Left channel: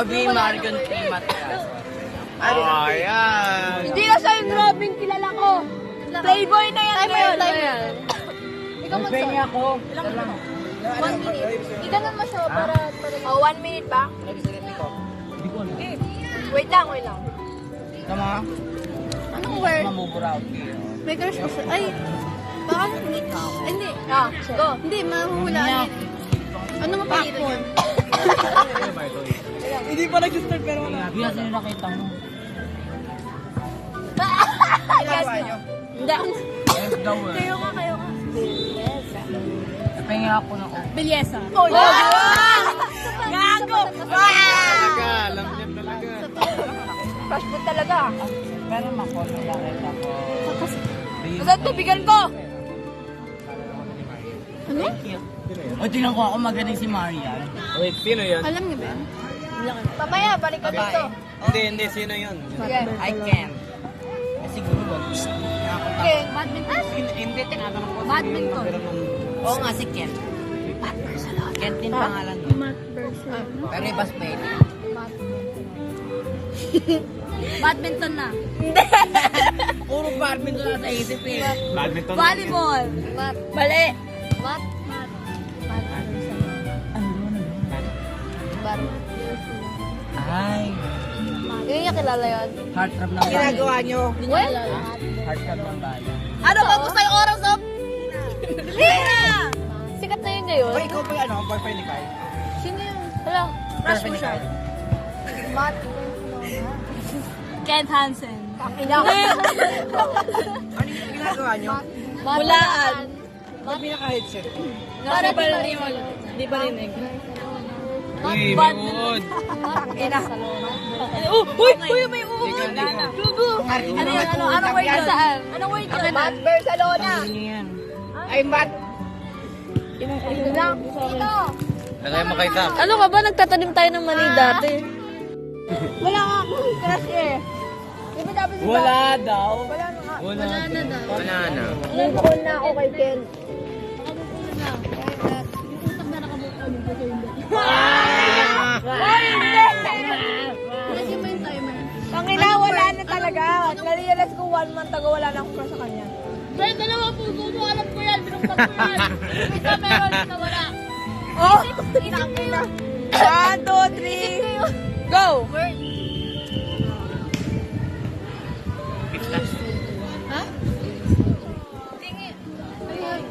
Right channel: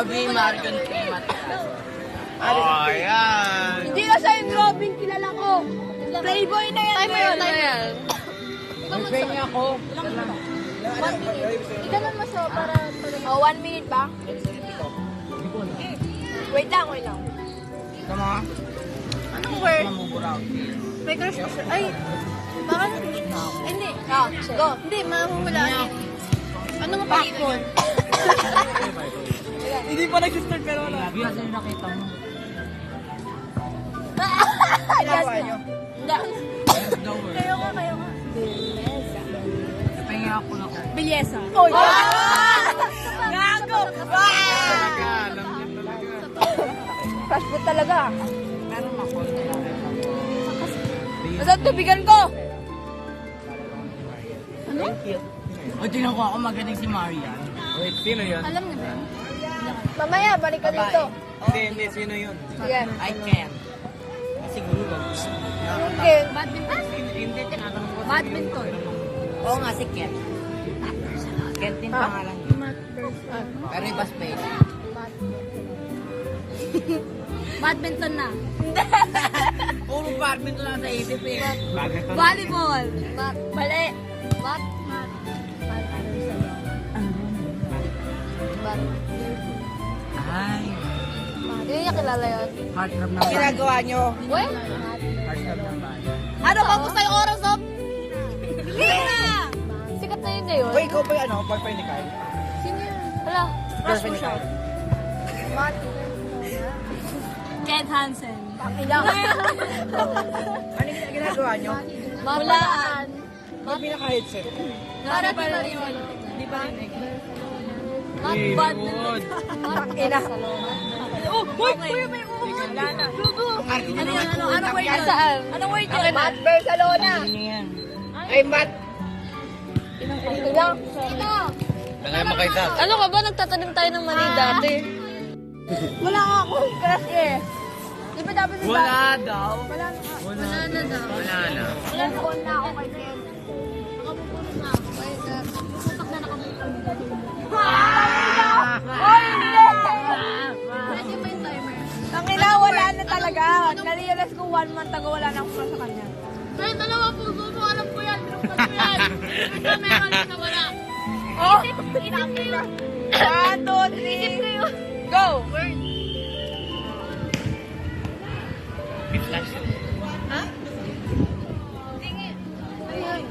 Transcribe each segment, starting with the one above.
Robin Margon Primat. Ayan. Hindi na siya yung Robin, kilala ko. Playboy na yan ngayon. Mag-pengi ako. Ika lang masaya para... Oh, 1 minute ba? Wait lang. Tama? Ano word? Mamubura ako. May crush ko siya. Ay, parang... Hindi. Go. Hindi, mahuhula. Ano mo pa dito? Hindi pa nag-start ka naman. Hindi ako yung nakita mo. Hindi. There's the word. Kayo. Pengi ako ng ako. Belleza. Oh, gago! Alam niya talaga. Fast food talaga. Pero makonsilaran ako. Masang tubigan ko! Thank you. O, tingnan ko ako magaling si Maria. Wait, sino yun? Alam niyo ba? Mamaya, balik ka dito. Hindi, sino yun? I can. Siguro ba? Okay. Badminton. Hindi, tinatanong ko. Badminton. Oo nga, si Ken. Ken din pangalan niya. Pero iba space. Badminton na. Puro badminton lang sa isip eh. Badminton. Volleyball. Mali. Mat. Ay. Hindi niya kilala yun. Heartthrob na. Ginagawa niyo. Well? Heartthrob na. Ano ba gusto yung oras of? Lina! Sikat na yun ngayon. Uy, ikaw pa yung ano? Boyfriend ni Kyle? Sino yun? Wala. Girlfriend ni Kyle? Matt. Ken Hansen. Pakila. Ano yung ginagawa niyo? Hulaan. Ba't pinaka-headset? Para pa rin yung ano. Di ba rin eh? Uy, Badminton. Mood. Uy, may wala na. Ano yun? Anong word yun? Saan? Anong word yun? Matt Barcelona. Ay, Matt. Ilang? Tagay makita. Ano ka ba? Nagtatanim tayo ng mani dati. Wala nga akong crush eh. Di ba dapat Wala daw. Wala na daw. Wala yan eh. Nandun na ako kay Ken. Ang ina, wala na talaga. Na-realize ko 1 month ago, wala na ako sa kanya. Pero dalawang puso mo, alam ko yan. Binuksan ko yan. Ito meron na wala. Isip ko yun. 1, 2, 3. Go! Ha? Ano yun?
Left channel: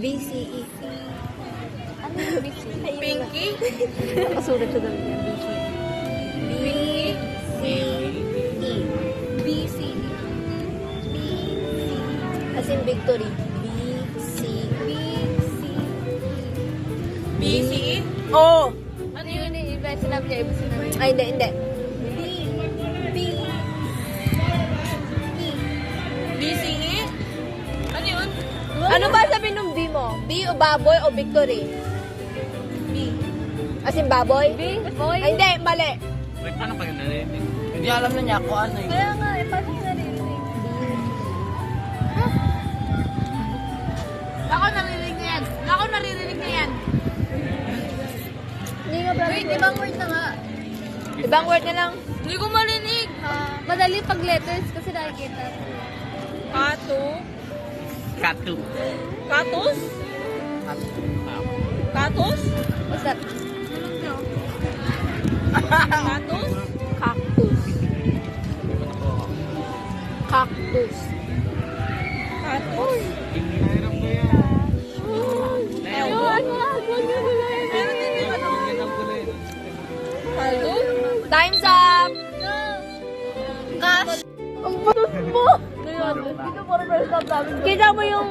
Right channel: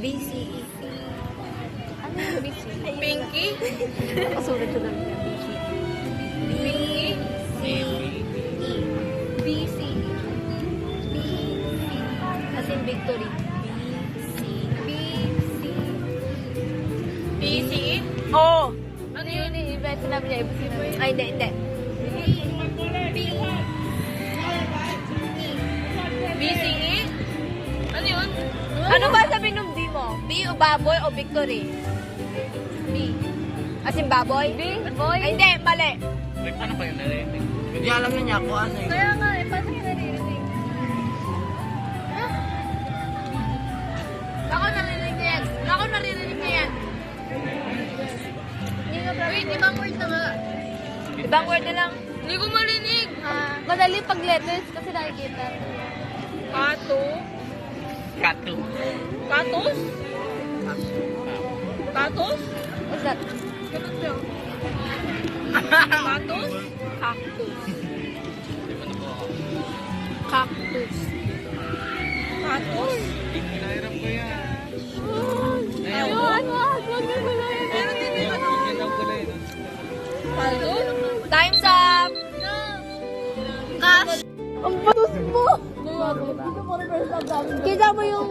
BC. Ano yung BC? Pinky? Nakasulit ko lang yung BC. Pinky? BC. As in victory. BC. BC? Oo. Ano yun? Iba sinabi niya, iba sinabi niya. Ay, hindi. BCE? Ano yun? Ano ba sabi nung B mo? B o baboy o victory? B. As in baboy? B, boy? Ay, hindi, mali. Wait, paano pa yun narinig? Hindi alam na niya kung ano eh. Kaya nga, paano yung narinig? Baka narinig niya yan. Baka narinig niya yan. Wait, ibang word na nga. Ibang word na lang. Hindi ko marinig. Madali pag letters kasi nakikita. Kato. Katu. Katos? Katos? What's that? Katos? Cactus. Katos? Pinahirap ko yan. Katos? Time's up! Ash! Ang batos mo! Kita mo yung...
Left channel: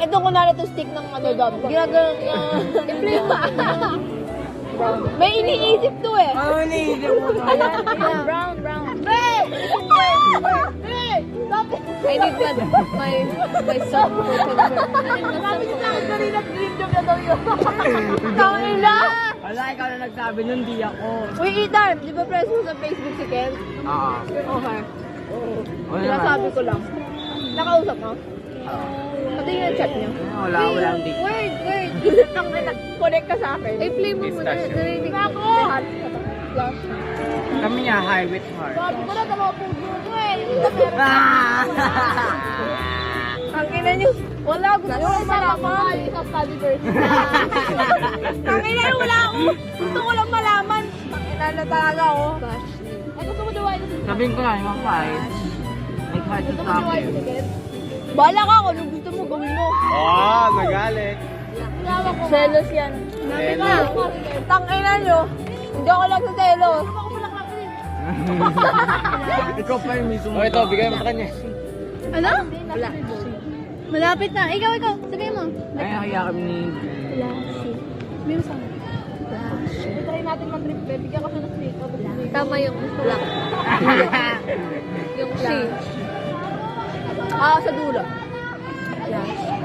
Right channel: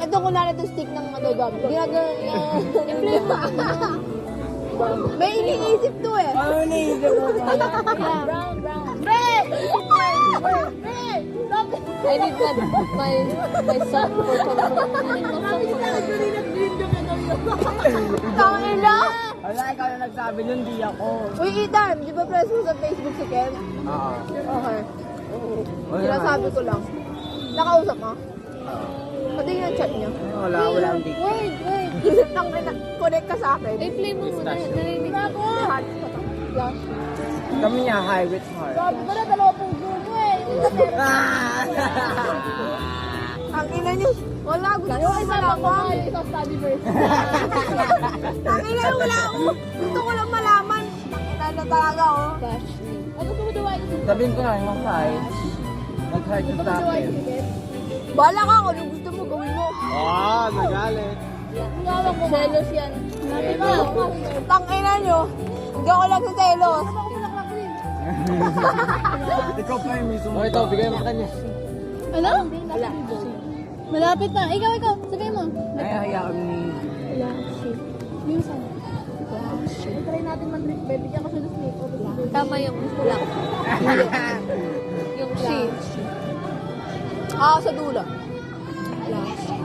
Ito ko na ito stick ng ano dam. Ginagawa may iniisip to eh. Ano iniisip mo? Brown. Hey! I need my son for Tangina! Wala, ikaw na nagsabi nun, di ako. Uy, Ethan, di ba press mo sa Facebook si Ken? Oo. Okay. Wala. Sinasabi ko lang. Nakausap mo? Pati yung chat niya. Wala, hindi. Wait. Tangina, connect ka sa akin. I-play mo muna. Pistachio. Narinig ko. Lahat. Kami nga, high with heart. Sabi ko na, dalawa puso mo eh. Ang ina niyo. Wala, gusto ko lang malaman. Tangina na, wala ako. Gusto ko lang malaman. Tangina na talaga, oh. Ay, gusto mo duwain yung ticket? Sabihin ko lang, yung mga like hard to Gusto mo stop. duwain yung ticket? Bahala ka, kung anong gusto mo, gawin mo. Oo, nagalit. Selos yan. Tangina nyo. Hindi ako lang sa selos. Ikaw pa yung mismo. Oh, ito, bigay mo kanya. Ano? Wala. Malapit na. Ikaw. Sabihin mo. Ay, kaya kami ni... Flashy. Sabihin mo Flashy. Try natin mag-trip, babe. Bigyan ko siya ng snake. Tama yung black. Hindi. Yung flashy. Sa dulo. Flashy.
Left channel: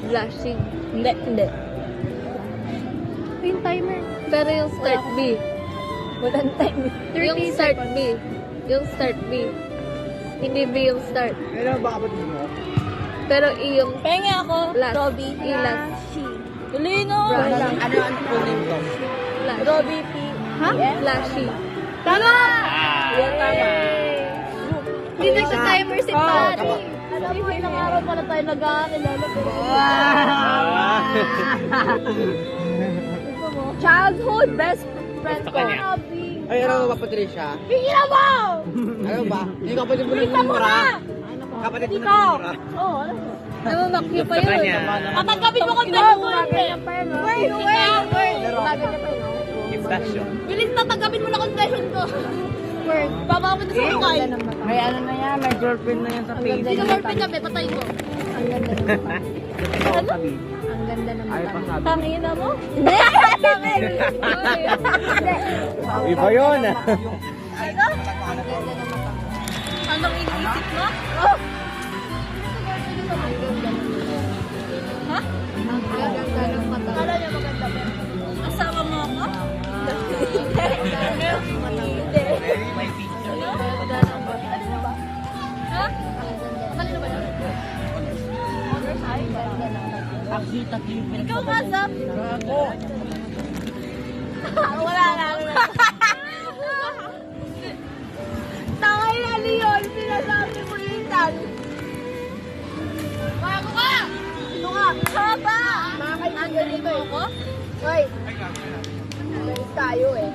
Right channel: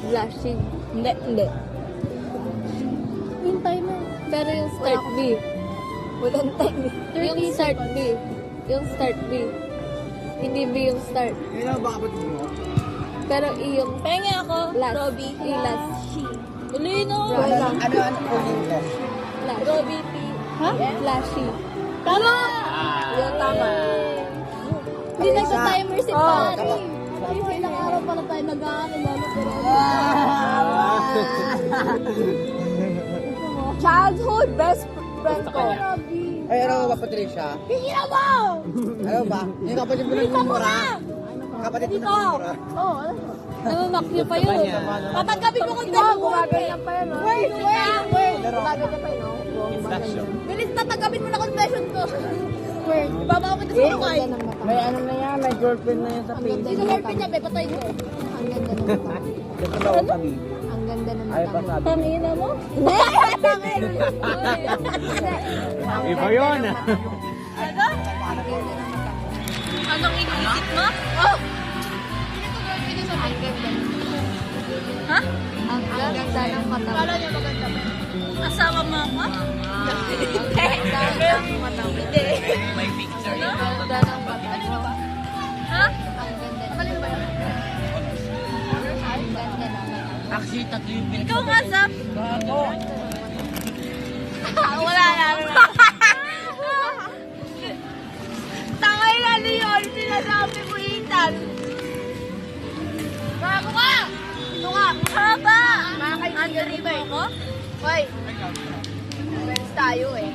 Flashing. Hindi. Yung timer. Pero yung start B. Walang timer. Yung start B. Yung start B. Hindi B yung start. Ano ba ako dito? Pero E yung penga ako. Last. Robbie. Yung last. Lino. Ano po nito? Robbie P. Ha? Flashy. Tama! Yan, tama. Hindi nagka-timer si Pari. Alam mo, ilang araw pala tayo nag-aalala. Childhood best friend ko. Ay, ano ba, Patricia? Tingnan mo! Ano ba? Yung kapatid mo nagmumura? Kapatid mo nagmumura? Oo. Nangunak niyo pa yun. Tatagapin mo kung gano'n. Gumaganyan pa yun. Gumaganyan pa yun. Inflection. Bilis tatagapin mo na confession ko. Baba ko ito sa mukay. May ano na yan, may girlfriend na yan sa face. Hindi ka girlfriend na, patayin mo. Ang ganda ng mata. Totoo kami. Ang ganda ng Ay, mata mo. pasabi. Tangina mo? Hindi! Tangina! Iba yun ah. Anong iniisip mo? Oh! Ang ganda ng mata. Ha? Ang ganda ng mata. Kala niya maganda ba? Asawa mo ako? Hindi. Hindi. May picture Ano? yun. Ang ganda ng mata. Kanina ba? Ha? Ang ganda. Kanina ba? Ang ganda ng mata. Actually, tatlo yung pinag- Ikaw nga, Zap. Wala na. Tangay ano yun? Sinasabi mo Ethan. Bravo ka! Ito ka. Haba! Andalin mo ako? Hoy. Friends tayo eh.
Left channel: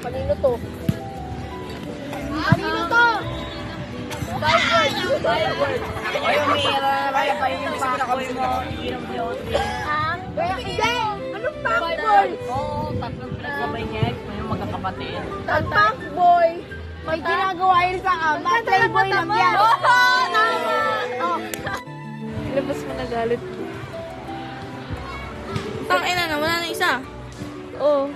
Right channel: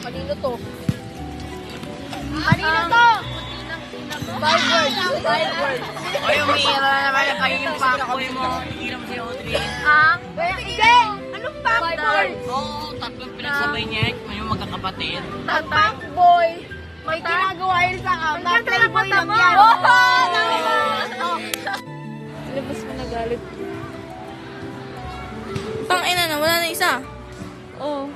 Kanino to? Kanino to? Five words. Ay, yung isa na naman yung pahingin pa ako mo. Hiram si Audrey. Ang? Hindi! Anong fuckboy? Oo, tatlong pinagsabay niya. May yung magkakapatid. Fuckboy! May ginagawa yun sa akin. Ang ganda ng mata mo! Oo! Labas mo na galit. Tangina na, wala na isa. Oo.